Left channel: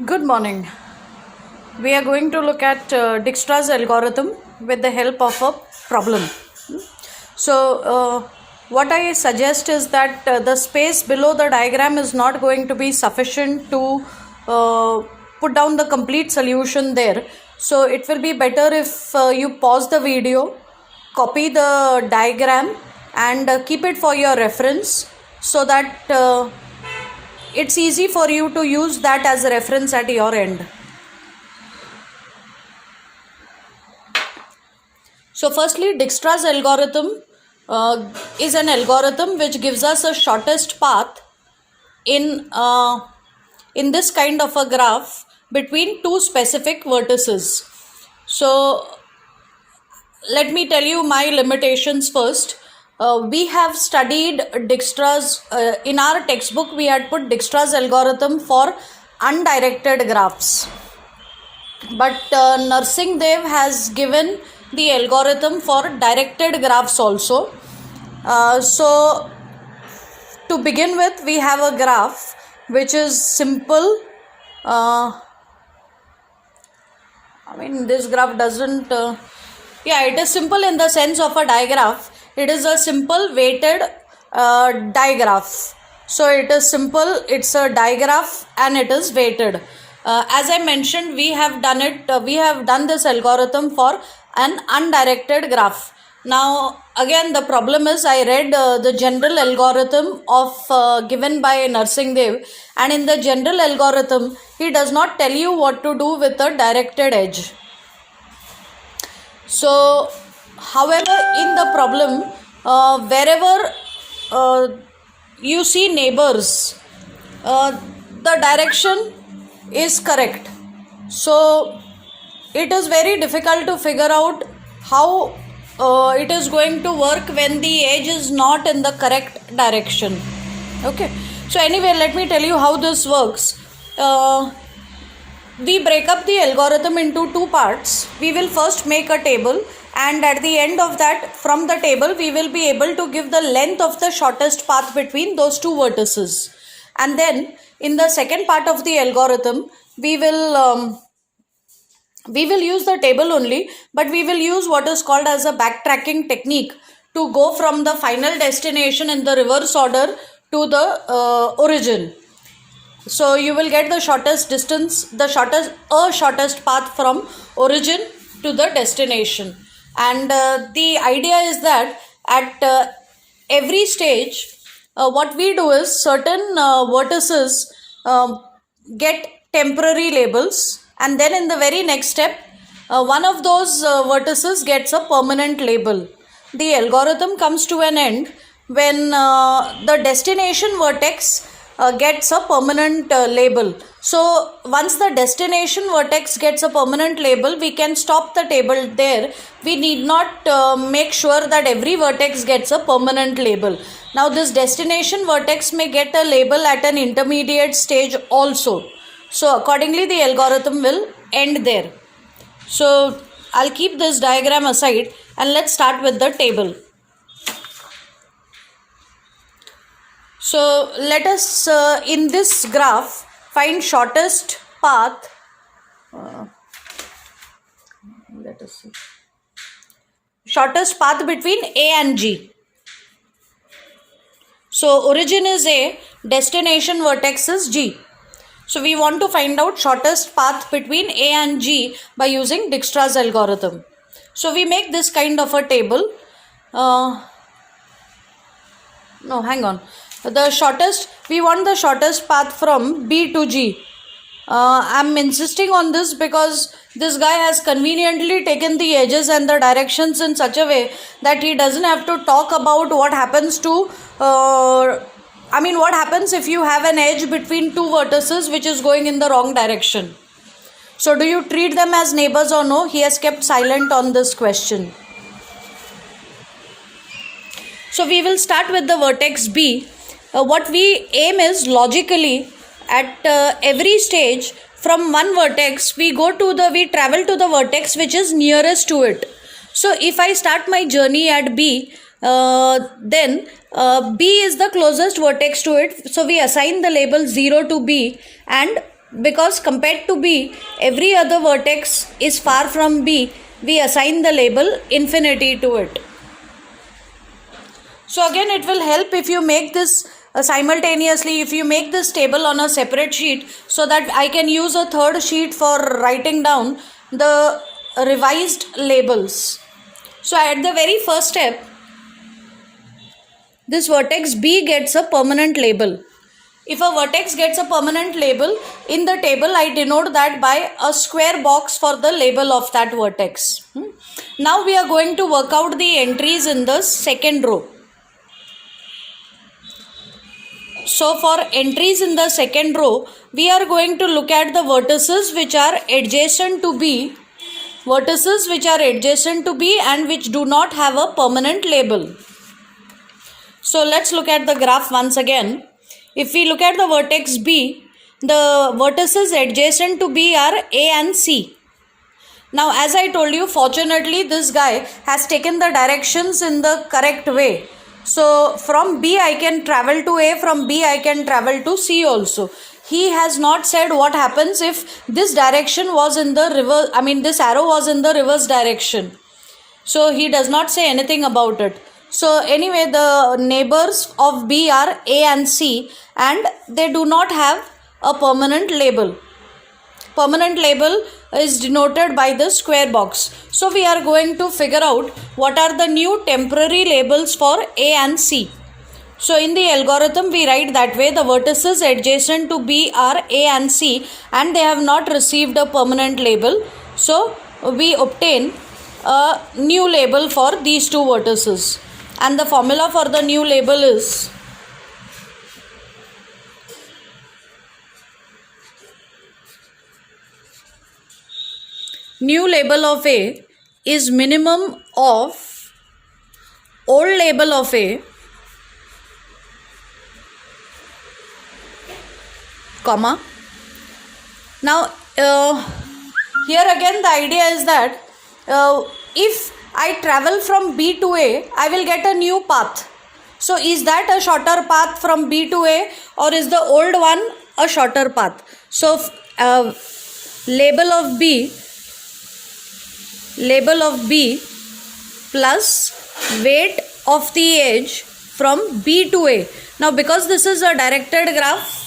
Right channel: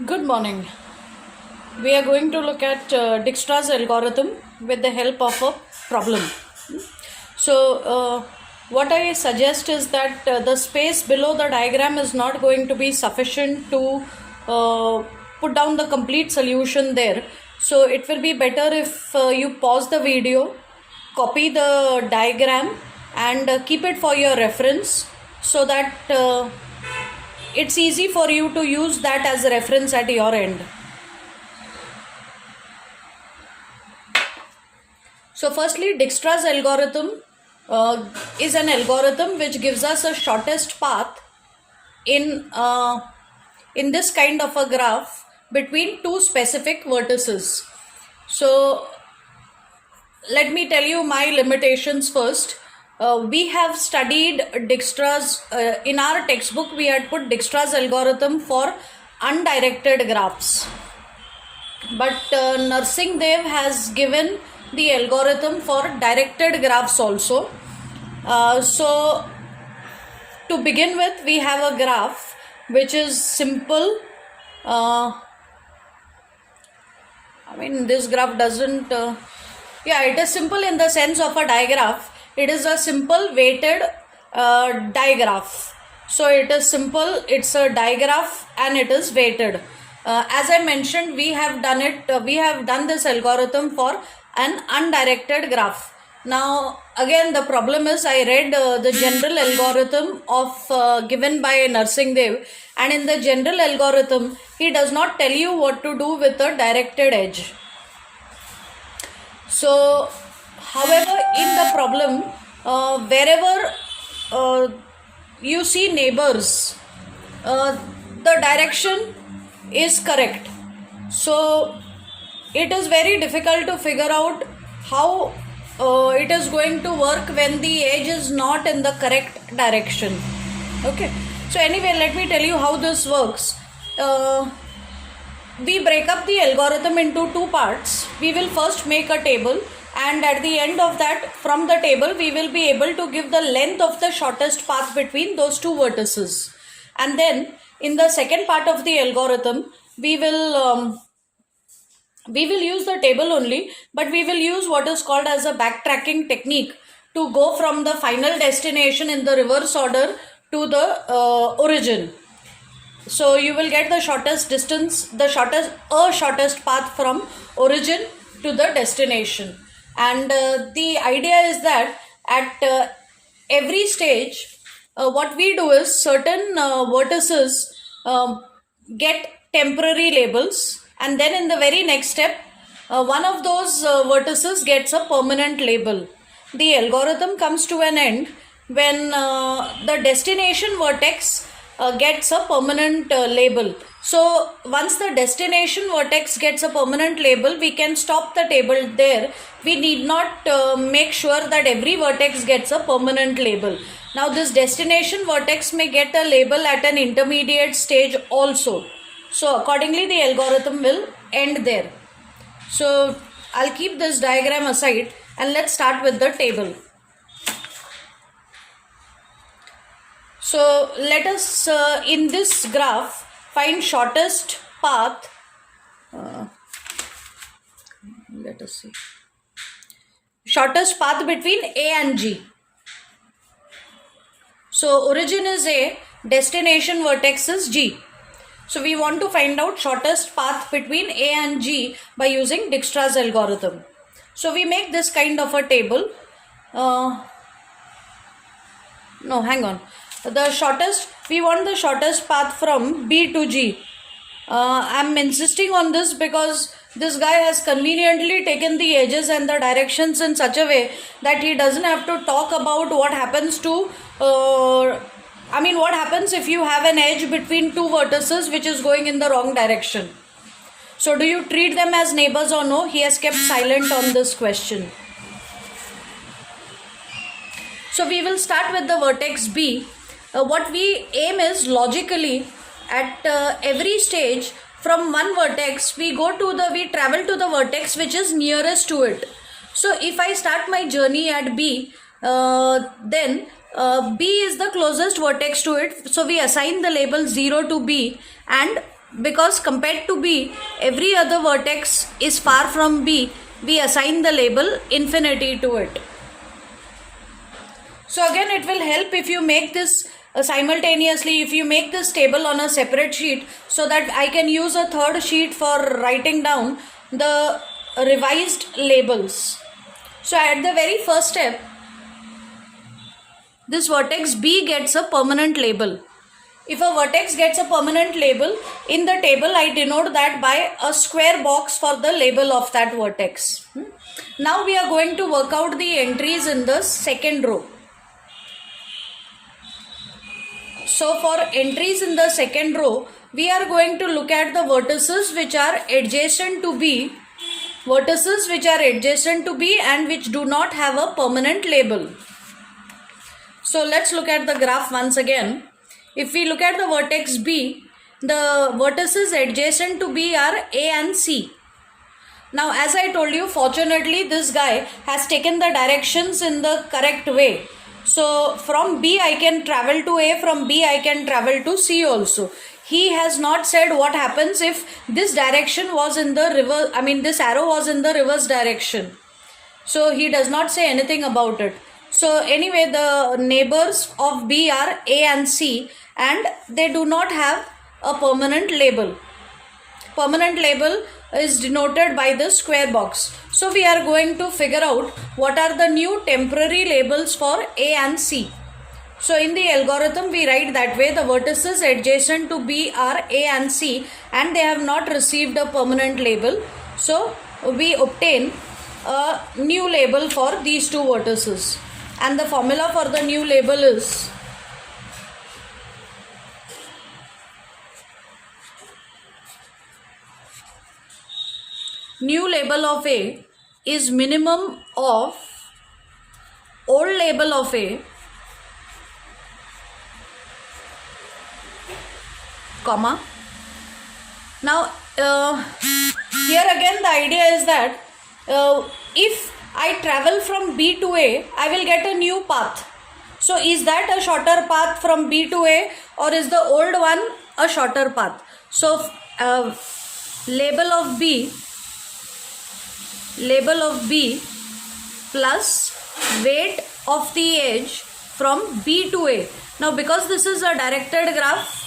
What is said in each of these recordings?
Good morning. We are going to look at Dijkstra's algorithm with the help of a problem. So, what I suggest is that the space below the diagram is not going to be sufficient to put down the complete solution there. So, it will be better if you pause the video, copy the diagram, and keep it for your reference so that it's easy for you to use that as a reference at your end. So firstly, Dijkstra's algorithm is an algorithm which gives us a shortest path in this kind of a graph between two specific vertices. So let me tell you my limitations first. We have studied Dijkstra's, in our textbook we had put Dijkstra's algorithm for undirected graphs. But Narsingh Dev has given the algorithm for directed graphs also. So to begin with, we have a graph which is simple. This graph doesn't... it is simple in the sense of a digraph. It is a simple weighted digraph. So it is simple, it's a digraph and it is weighted. As I mentioned, we have done this algorithm for an undirected graph. Now again the problem is I read the general algorithm of given by Narsingh Dev, and in the general algorithm he does not tell you what to do with a directed edge. So however, in the problem, wherever you see neighbors, the direction is correct. So it is very difficult to figure out how it is going to work when the edge is not in the correct direction. Okay. So anyway, let me tell you how this works. We break up the algorithm into two parts. We will first make a table, and at the end of that, from the table we will be able to give the length of the shortest path between those two vertices. And then in the second part of the algorithm we will use the table only, but we will use what is called as a backtracking technique to go from the final destination in the reverse order to the origin. So you will get the shortest distance, shortest path from origin to the destination. And the idea is that at every stage, what we do is certain vertices get temporary labels, and then in the very next step, one of those vertices gets a permanent label. The algorithm comes to an end when the destination vertex gets a permanent label. So once the destination vertex gets a permanent label, we can stop the table there. We need not make sure that every vertex gets a permanent label. Now this destination vertex may get a label at an intermediate stage also. So accordingly the algorithm will end there. So I'll keep this diagram aside and let's start with the table. So let us in this graph find shortest path. Let us see. Shortest path between A and G. So origin is A, destination vertex is G. So we want to find out shortest path between A and G by using Dijkstra's algorithm. So we make this kind of a table. We want the shortest path from B to G. I'm insisting on this because this guy has conveniently taken the edges and the directions in such a way that he doesn't have to talk about what happens to what happens if you have an edge between two vertices which is going in the wrong direction. So do you treat them as neighbors or no? He has kept silent on this question. So we will start with the vertex B. What we aim is logically at every stage from one vertex we travel to the vertex which is nearest to it. So if I start my journey at B, then B is the closest vertex to it. So we assign the label 0 to B, and because compared to B, every other vertex is far from B, we assign the label infinity to it. So again, it will help if you make this simultaneously, if you make this table on a separate sheet, so that I can use a third sheet for writing down the revised labels. So at the very first step, this vertex B gets a permanent label. If a vertex gets a permanent label, in the table I denote that by a square box for the label of that vertex. Now we are going to work out the entries in the second row. So for entries in the second row, we are going to look at the vertices which are adjacent to B, vertices which are adjacent to B and which do not have a permanent label. So let's look at the graph once again. If we look at the vertex B, the vertices adjacent to B are A and C. Now as I told you, fortunately this guy has taken the directions in the correct way. So from B I can travel to A, from B I can travel to C also. He has not said what happens if this direction was in the reverse, this arrow was in the reverse direction. So he does not say anything about it. So anyway, the neighbors of B are A and C and they do not have a permanent label. Permanent label is denoted by the square box. So we are going to figure out what are the new temporary labels for A and C. So in the algorithm we write that way: the vertices adjacent to B are A and C and they have not received a permanent label. So we obtain a new label for these two vertices. And the formula for the new label is new label of A is minimum of old label of A comma. Now here again the idea is that if I travel from B to A, I will get a new path. So is that a shorter path from B to A, or is the old one a shorter path? So label of B plus weight of the edge from B to A. Now because this is a directed graph,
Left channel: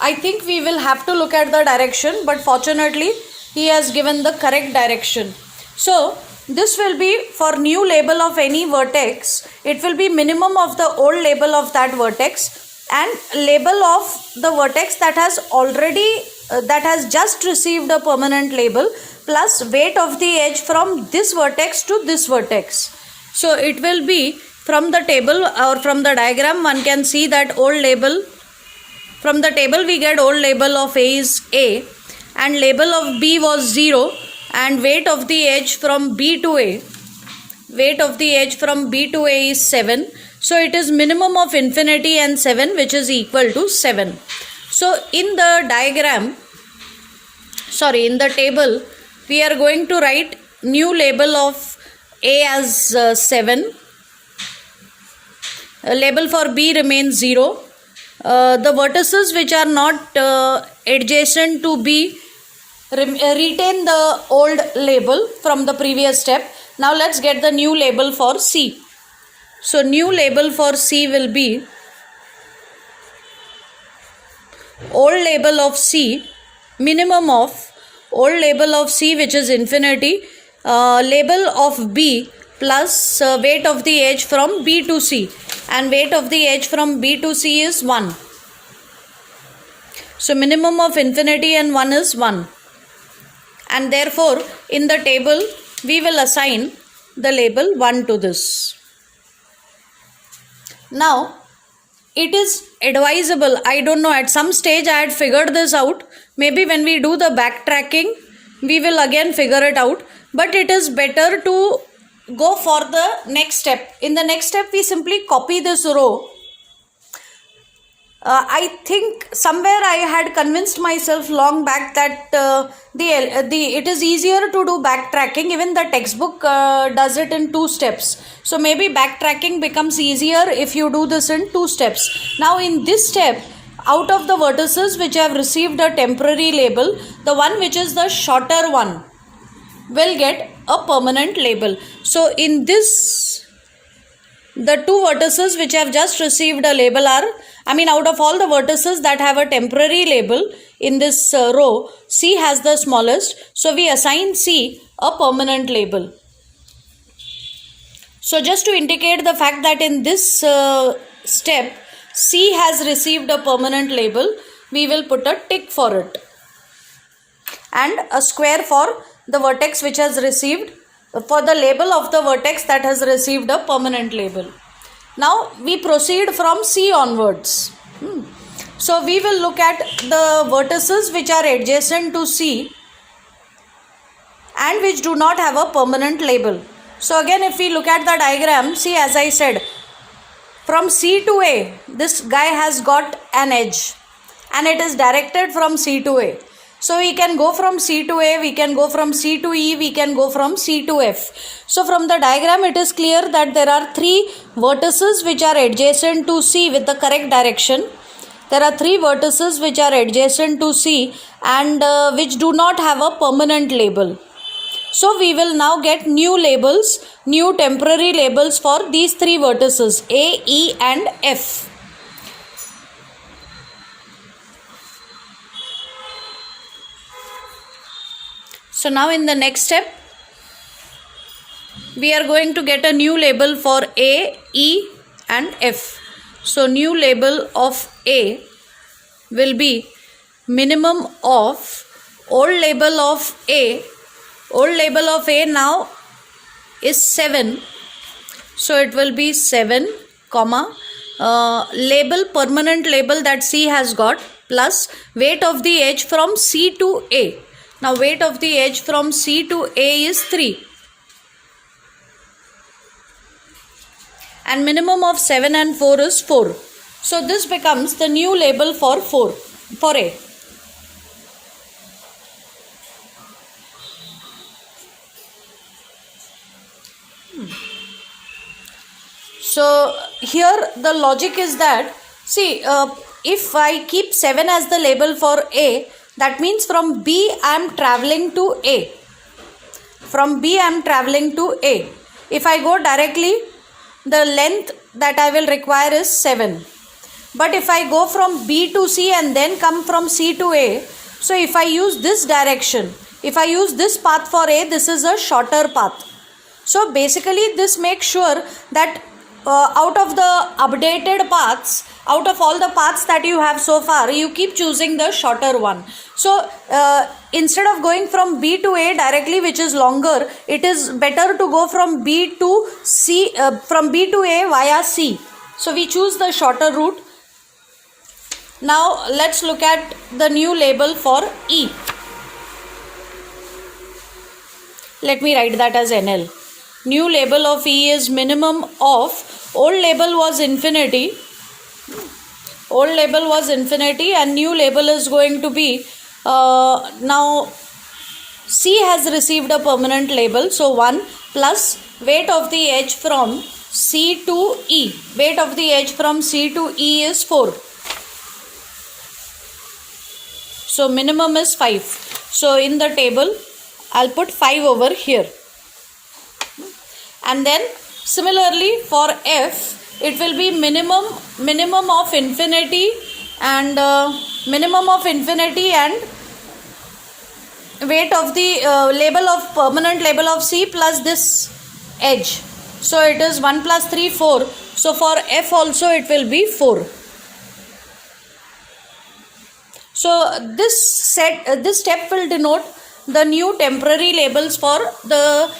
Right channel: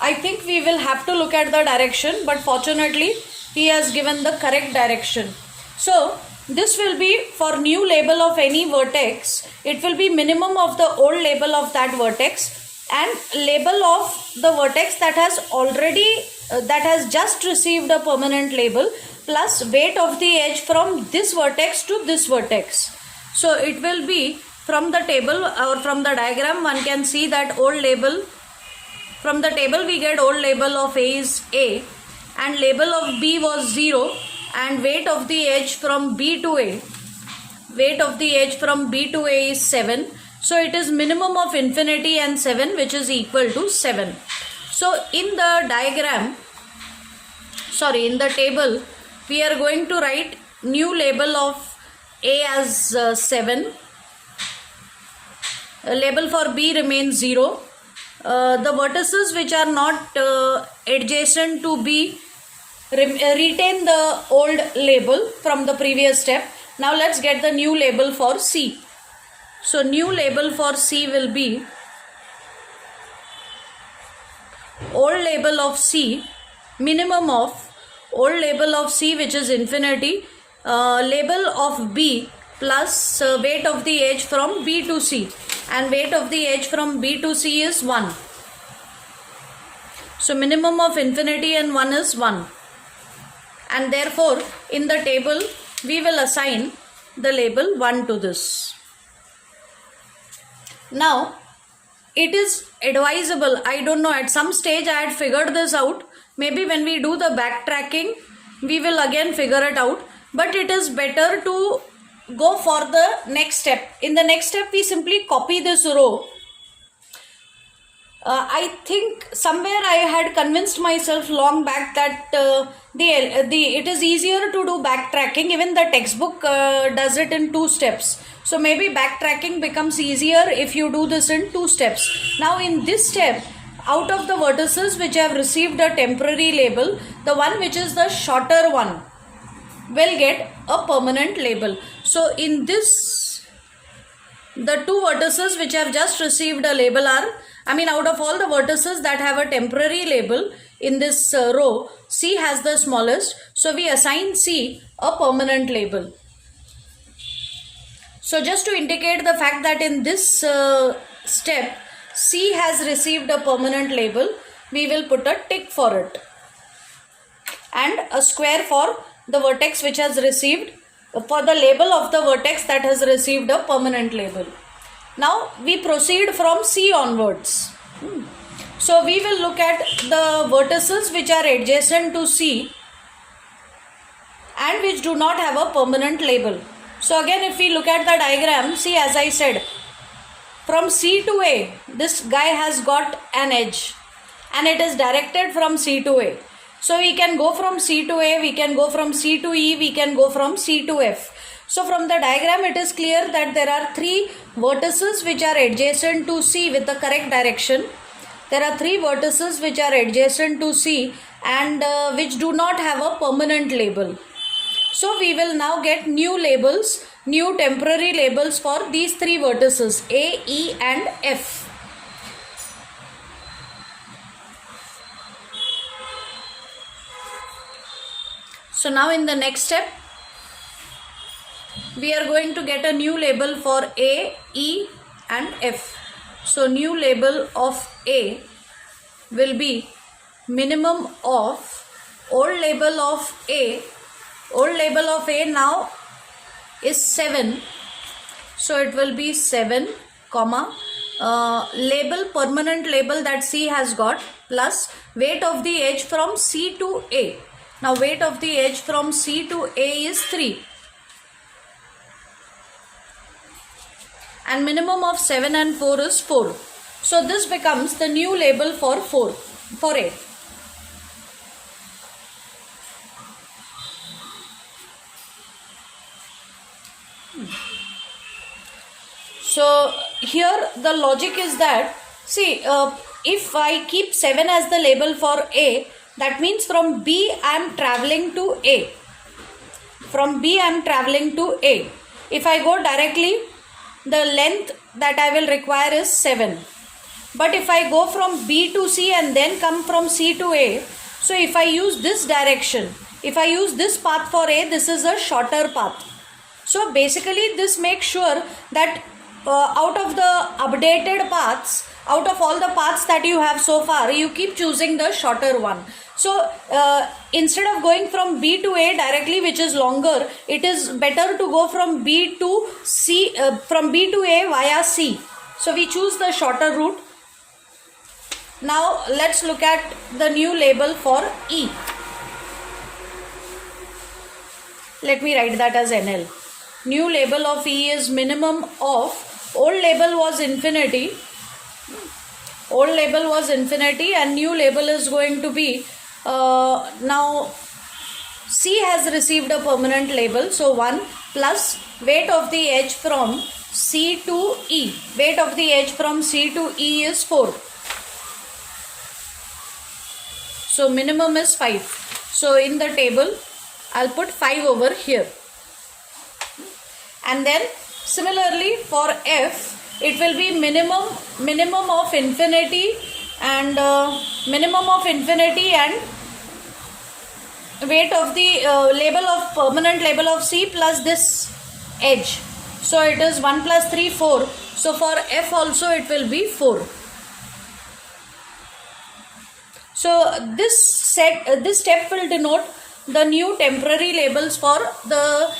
I think we will have to look at the direction, but fortunately he has given the correct direction. So this will be for new label of any vertex, it will be minimum of the old label of that vertex and label of the vertex that has already that has just received a permanent label plus weight of the edge from this vertex to this vertex. So it will be from the table or from the diagram one can see that old label, from the table we get old label of A is A and label of B was 0 and weight of the edge from B to A, weight of the edge from B to A is 7. So it is minimum of infinity and 7, which is equal to 7. So in the diagram, in the table, we are going to write new label of A as 7. Label for B remains 0. The vertices which are not adjacent to B retain the old label from the previous step. Now let's get the new label for C. So new label for C will be old label of C, minimum of old label of C, which is infinity, label of B plus weight of the edge from B to C, and weight of the edge from B to C is 1. So minimum of infinity and 1 is 1. And therefore in the table we will assign the label 1 to this. Now it is advisable, I don't know, at some stage I had figured this out, maybe when we do the backtracking we will again figure it out, but it is better to go for the next step. In the next step we simply copy this row. I think somewhere I had convinced myself long back that it is easier to do backtracking. Even the textbook does it in 2 steps. So maybe backtracking becomes easier if you do this in 2 steps. Now in this step, out of the vertices which have received a temporary label, the one which is the shorter one will get a permanent label. So in this, the two vertices which have just received a label are, out of all the vertices that have a temporary label in this row, C has the smallest. So we assign C a permanent label. So just to indicate the fact that in this step, C has received a permanent label, we will put a tick for it and a square for the vertex which has received, for the label of the vertex that has received a permanent label. Now we proceed from C onwards. So we will look at the vertices which are adjacent to C and which do not have a permanent label. So again, if we look at the diagram, see, as I said, from C to A, this guy has got an edge and it is directed from C to A. So we can go from C to A, we can go from C to E, we can go from C to F. So from the diagram, it is clear that there are three vertices which are adjacent to C with the correct direction. There are three vertices which are adjacent to C and which do not have a permanent label. So we will now get new labels, new temporary labels for these three vertices A, E and F. So now in the next step, we are going to get a new label for A, E and F. So new label of A will be minimum of old label of A. Old label of A now is 7. So it will be 7, comma, label, permanent label that C has got, plus weight of the edge from C to A. Now weight of the edge from C to A is 3. And minimum of 7 and 4 is 4. So this becomes the new label for A. So here the logic is that, see, if I keep 7 as the label for A, that means from B I am traveling to A. From B I am traveling to A. If I go directly, the length that I will require is 7. But if I go from B to C and then come from C to A, so if I use this direction, if I use this path for A, this is a shorter path. So basically this makes sure that out of the updated paths, out of all the paths that you have so far, you keep choosing the shorter one. So instead of going from B to A directly, which is longer, it is better to go from B to C, from B to A via C. So we choose the shorter route. Now let's look at the new label for E. Let me write that as NL. New label of E is minimum of, old label was infinity. Old label was infinity and new label is going to be, now C has received a permanent label. So 1 plus weight of the edge from C to E. Weight of the edge from C to E is 4. So minimum is 5. So in the table, I'll put 5 over here. And then similarly for F, it will be minimum of infinity and weight of the label of permanent label of C plus this edge. So it is 1 plus 3, 4. So for F also it will be 4. So this step will denote the new temporary labels for the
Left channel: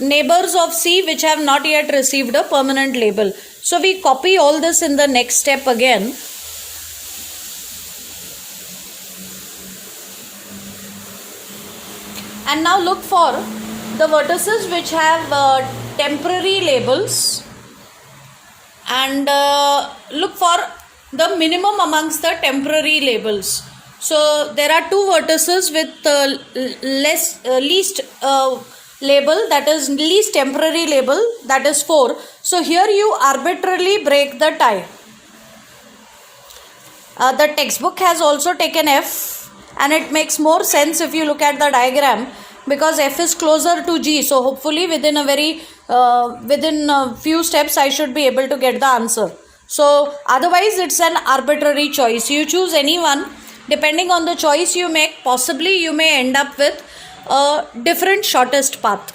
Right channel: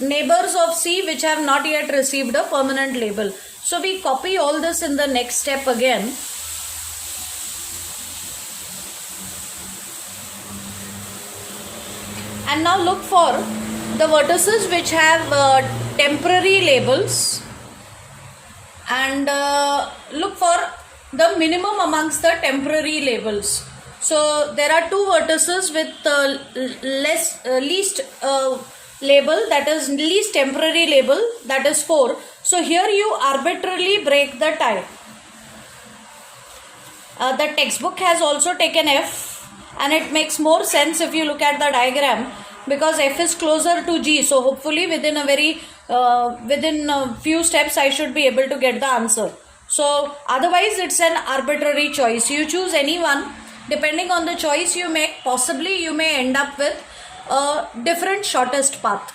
neighbors of C which have not yet received a permanent label. So we copy all this in the next step again. And now look for the vertices which have temporary labels and look for the minimum amongst the temporary labels. So there are two vertices with least label, that is least temporary label, that is 4. So here you arbitrarily break the tie. The textbook has also taken F, and it makes more sense if you look at the diagram, because F is closer to G. So hopefully within a few steps I should be able to get the answer. So otherwise it's an arbitrary choice. You choose any one. Depending on the choice you make, possibly you may end up with a different shortest path.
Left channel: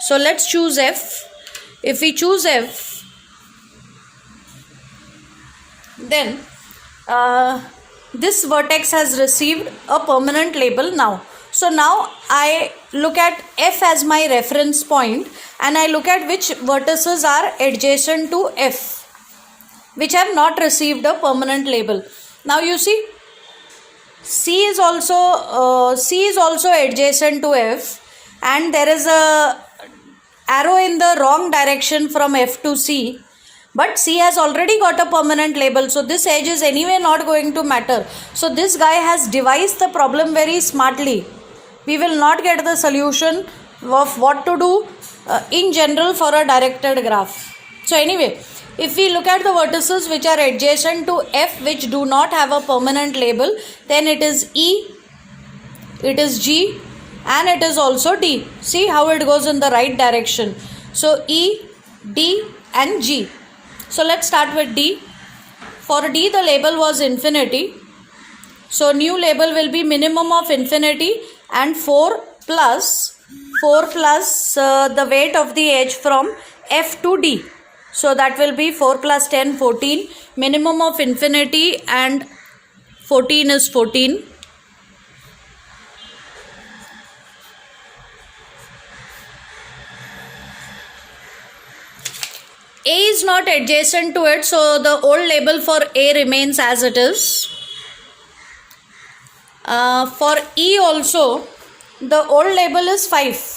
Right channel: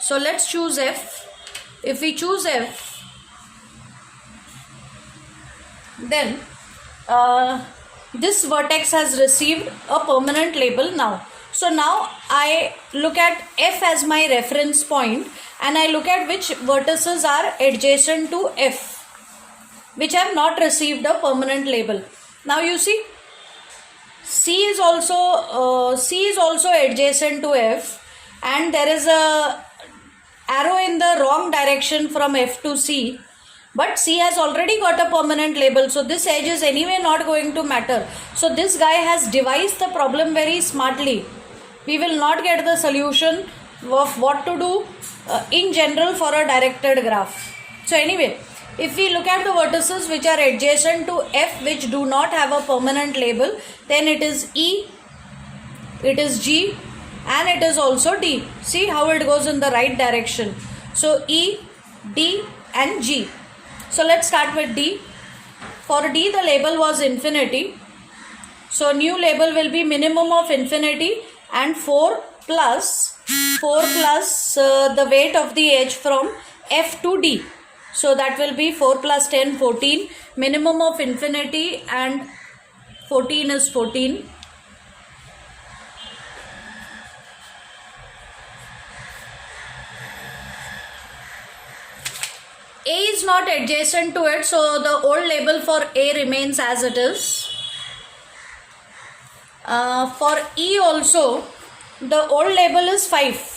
So let's choose F. If we choose F, then this vertex has received a permanent label now. So now I look at F as my reference point, and I look at which vertices are adjacent to F, which have not received a permanent label. Now you see, C is also adjacent to F, and there is a arrow in the wrong direction from F to C, but C has already got a permanent label, so this edge is anyway not going to matter. So this guy has devised the problem very smartly. We will not get the solution of what to do in general for a directed graph. So anyway, if we look at the vertices which are adjacent to F, which do not have a permanent label, then it is E, it is G, and it is also D. See how it goes in the right direction. So E, D and G. So let's start with D. For D the label was infinity. So new label will be minimum of infinity and 4 plus the weight of the edge from F to D. So that will be 4 plus 10, 14. Minimum of infinity and 14 is 14. A is not adjacent to it, so the old label for A remains as it is. For E also, the old label is 5.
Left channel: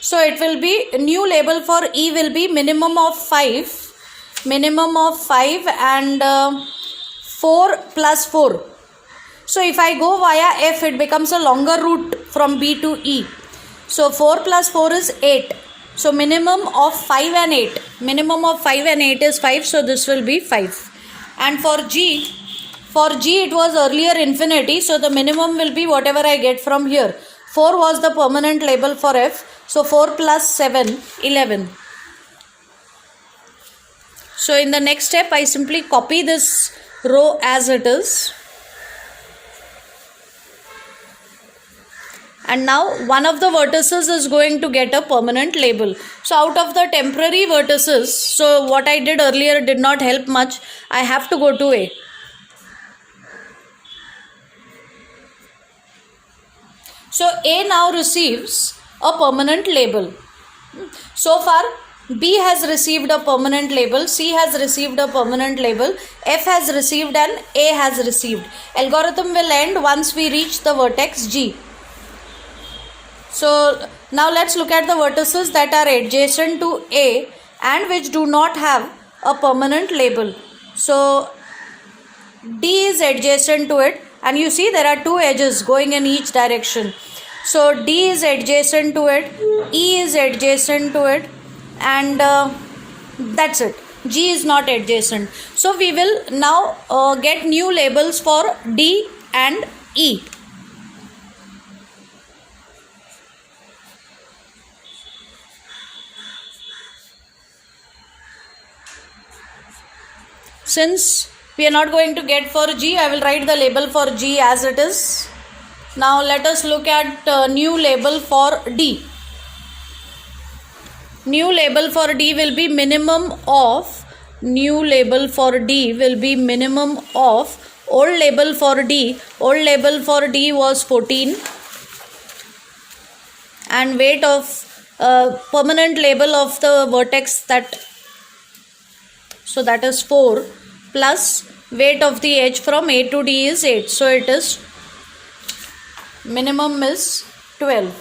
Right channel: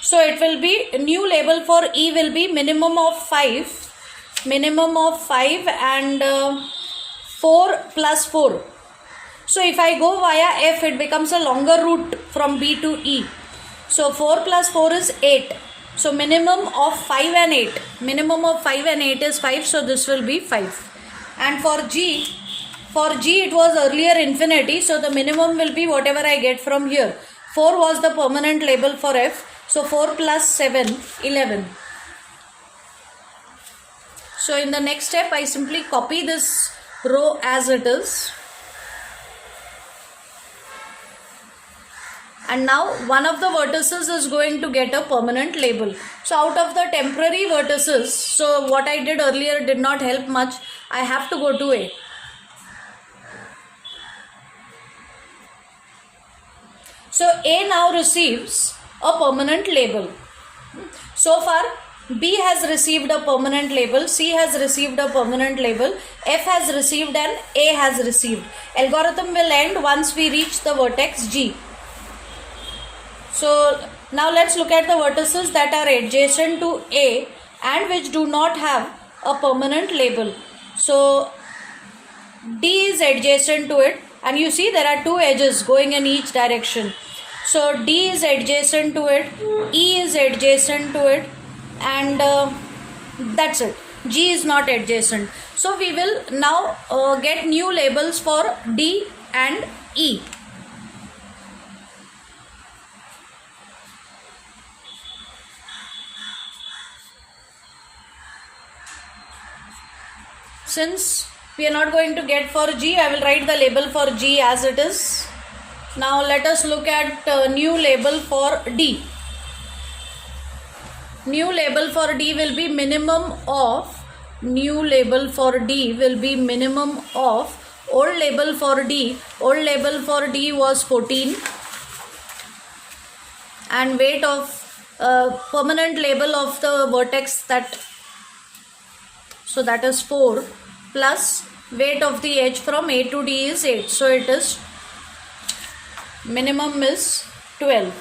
So it will be, new label for E will be minimum of 5. Minimum of 5 and 4 plus 4. So if I go via F, it becomes a longer route from B to E. So 4 plus 4 is 8. So minimum of 5 and 8. Minimum of 5 and 8 is 5. So this will be 5. And for G it was earlier infinity. So the minimum will be whatever I get from here. 4 was the permanent label for F. So 4 plus 7, 11. So in the next step, I simply copy this row as it is. And now one of the vertices is going to get a permanent label. So out of the temporary vertices, so what I did earlier did not help much. I have to go to A. So A now receives a permanent label. So far B has received a permanent label, C has received a permanent label, F has received and A has received. Algorithm will end once we reach the vertex G. So now let's look at the vertices that are adjacent to A and which do not have a permanent label. So D is adjacent to it, and you see there are two edges going in each direction. So D is adjacent to it, E is adjacent to it, and that's it. G is not adjacent. So we will now get new labels for D and E. Since we are not going to get for G, I will write the label for G as it is. Now let us look at new label for D. New label for D will be minimum of, new label for D will be minimum of, old label for D was 14, and weight of permanent label of the vertex, that is 4, plus weight of the edge from A to D is 8. So it is minimum is 12.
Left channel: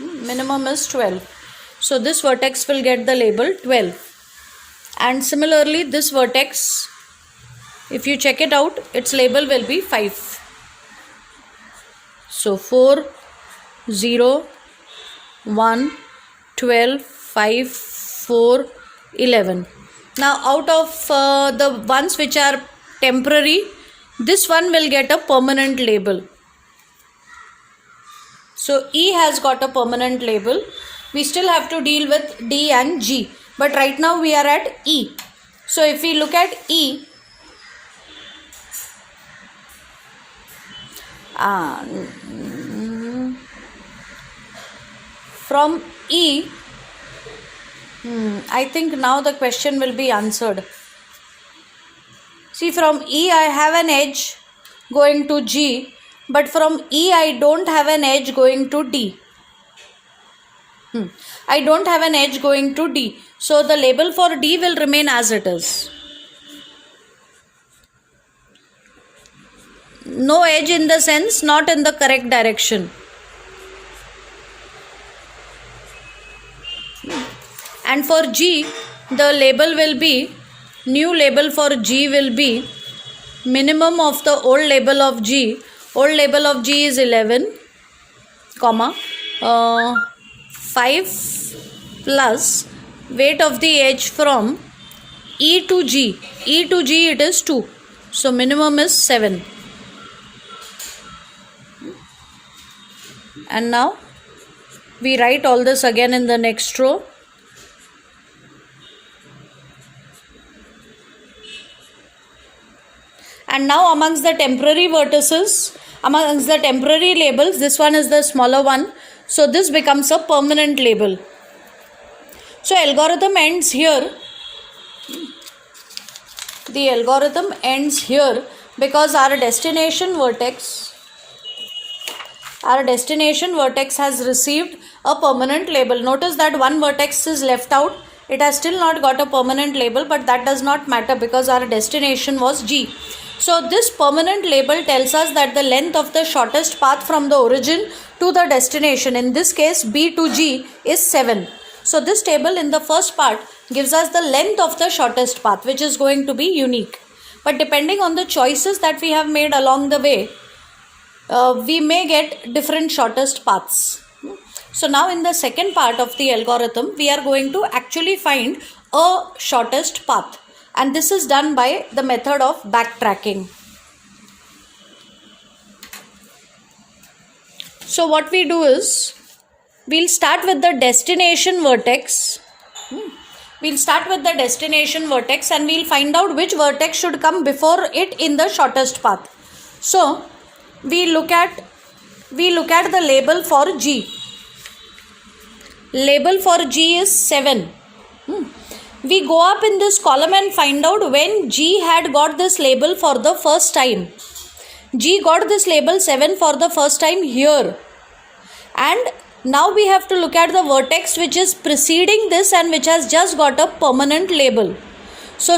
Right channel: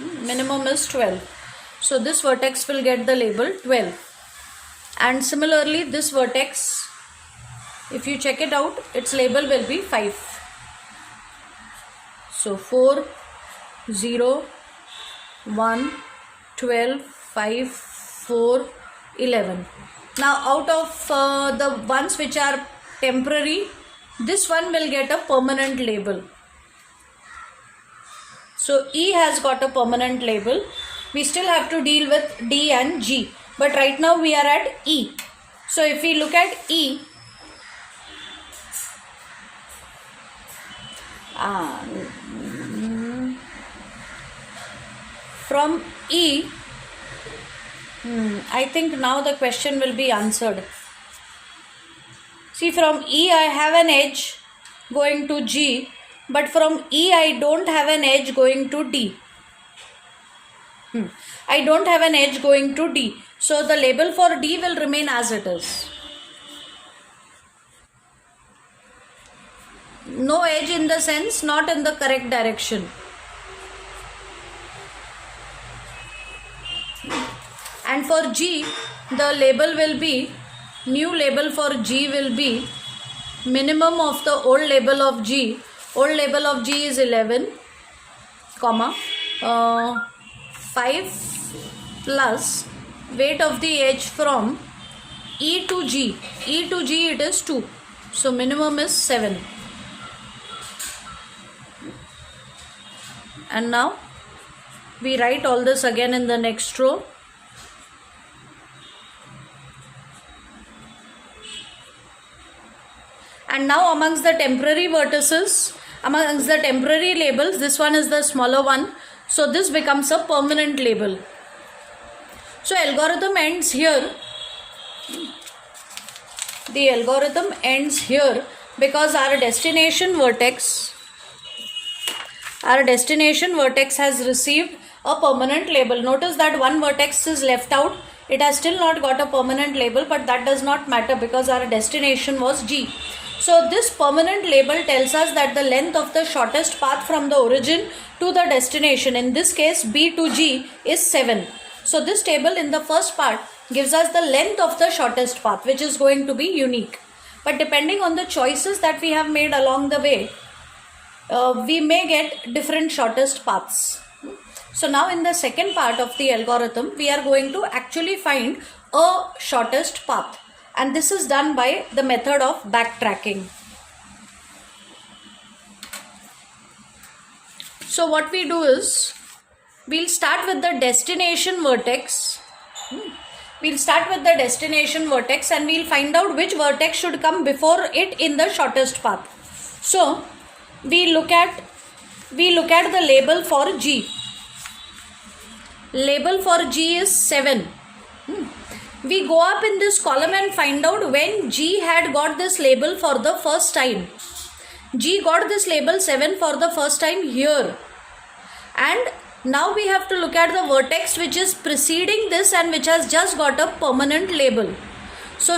Minimum is 12. So this vertex will get the label 12. And similarly this vertex, if you check it out, its label will be 5. So 4, 0, 1, 12, 5, 4, 11. Now out of the ones which are temporary, this one will get a permanent label. So E has got a permanent label. We still have to deal with D and G, but right now we are at E. So if we look at E, from E, I think now the question will be answered. See, from E I have an edge going to G, but from E I don't have an edge going to D. I don't have an edge going to D. So the label for D will remain as it is. No edge in the sense not in the correct direction. And for G, the label will be, new label for G will be minimum of the old label of G. Old label of G is 11, comma, 5 plus weight of the edge from E to G. E to G it is 2. So minimum is 7. And now we write all this again in the next row. And now amongst the temporary vertices, amongst the temporary labels, this one is the smaller one. So this becomes a permanent label. So algorithm ends here. The algorithm ends here because our destination vertex has received a permanent label. Notice that one vertex is left out. It has still not got a permanent label, but that does not matter because our destination was G. So this permanent label tells us that the length of the shortest path from the origin to the destination, in this case B to G, is 7. So this table in the first part gives us the length of the shortest path, which is going to be unique. But depending on the choices that we have made along the way, we may get different shortest paths. So now in the second part of the algorithm, we are going to actually find a shortest path. And this is done by the method of backtracking. So what we do is, we'll start with the destination vertex. We'll start with the destination vertex and we'll find out which vertex should come before it in the shortest path. So we look at the label for G. Label for G is 7. We go up in this column and find out when G had got this label for the first time. G got this label 7 for the first time here. And now we have to look at the vertex which is preceding this and which has just got a permanent label. So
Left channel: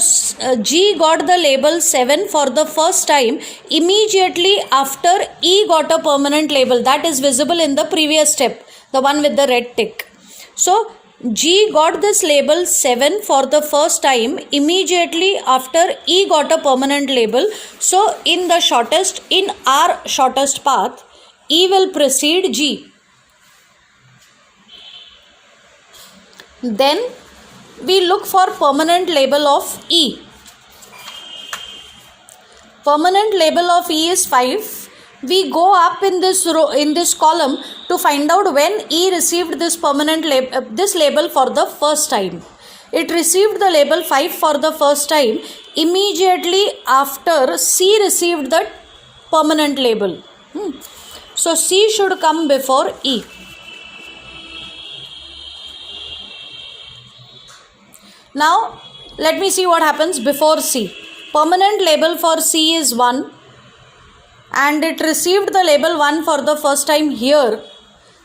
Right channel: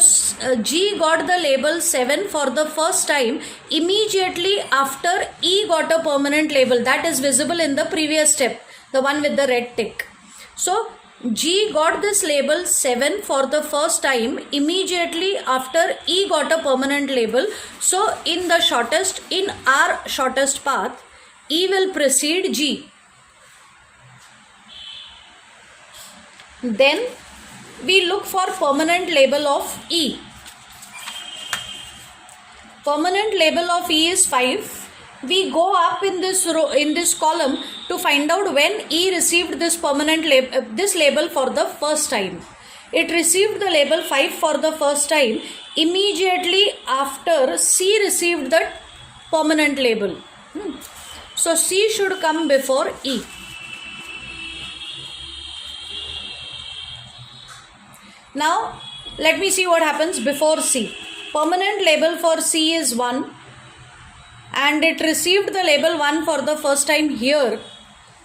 G got the label 7 for the first time immediately after E got a permanent label. That is visible in the previous step, the one with the red tick. So G got this label 7 for the first time immediately after E got a permanent label. So in our shortest path, E will precede G. Then we look for permanent label of E. Permanent label of E is 5. We go up in this row, in this column, to find out when E received this permanent this label for the first time. It received the label 5 for the first time immediately after C received the permanent label. So C should come before E. Now let me see what happens before C. Permanent label for C is 1. And it received the label 1 for the first time here,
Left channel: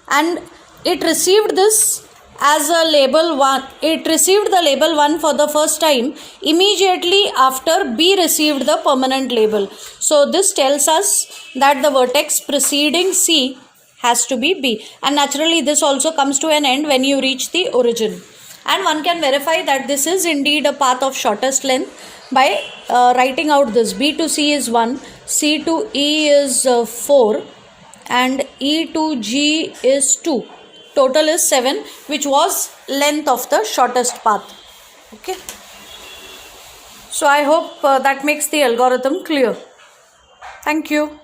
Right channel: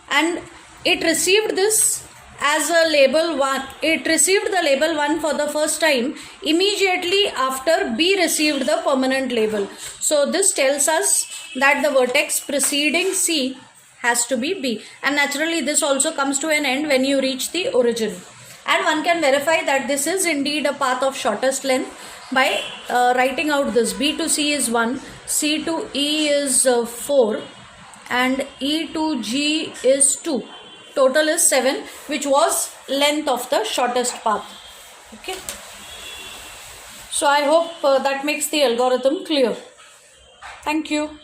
and it received this as a label 1. It received the label 1 for the first time immediately after B received the permanent label. So this tells us that the vertex preceding C has to be B, and naturally this also comes to an end when you reach the origin. And one can verify that this is indeed a path of shortest length by writing out this. B to C is 1, C to E is 4, and E to G is 2. Total is 7, which was length of the shortest path. Okay. So I hope that makes the algorithm clear. Thank you.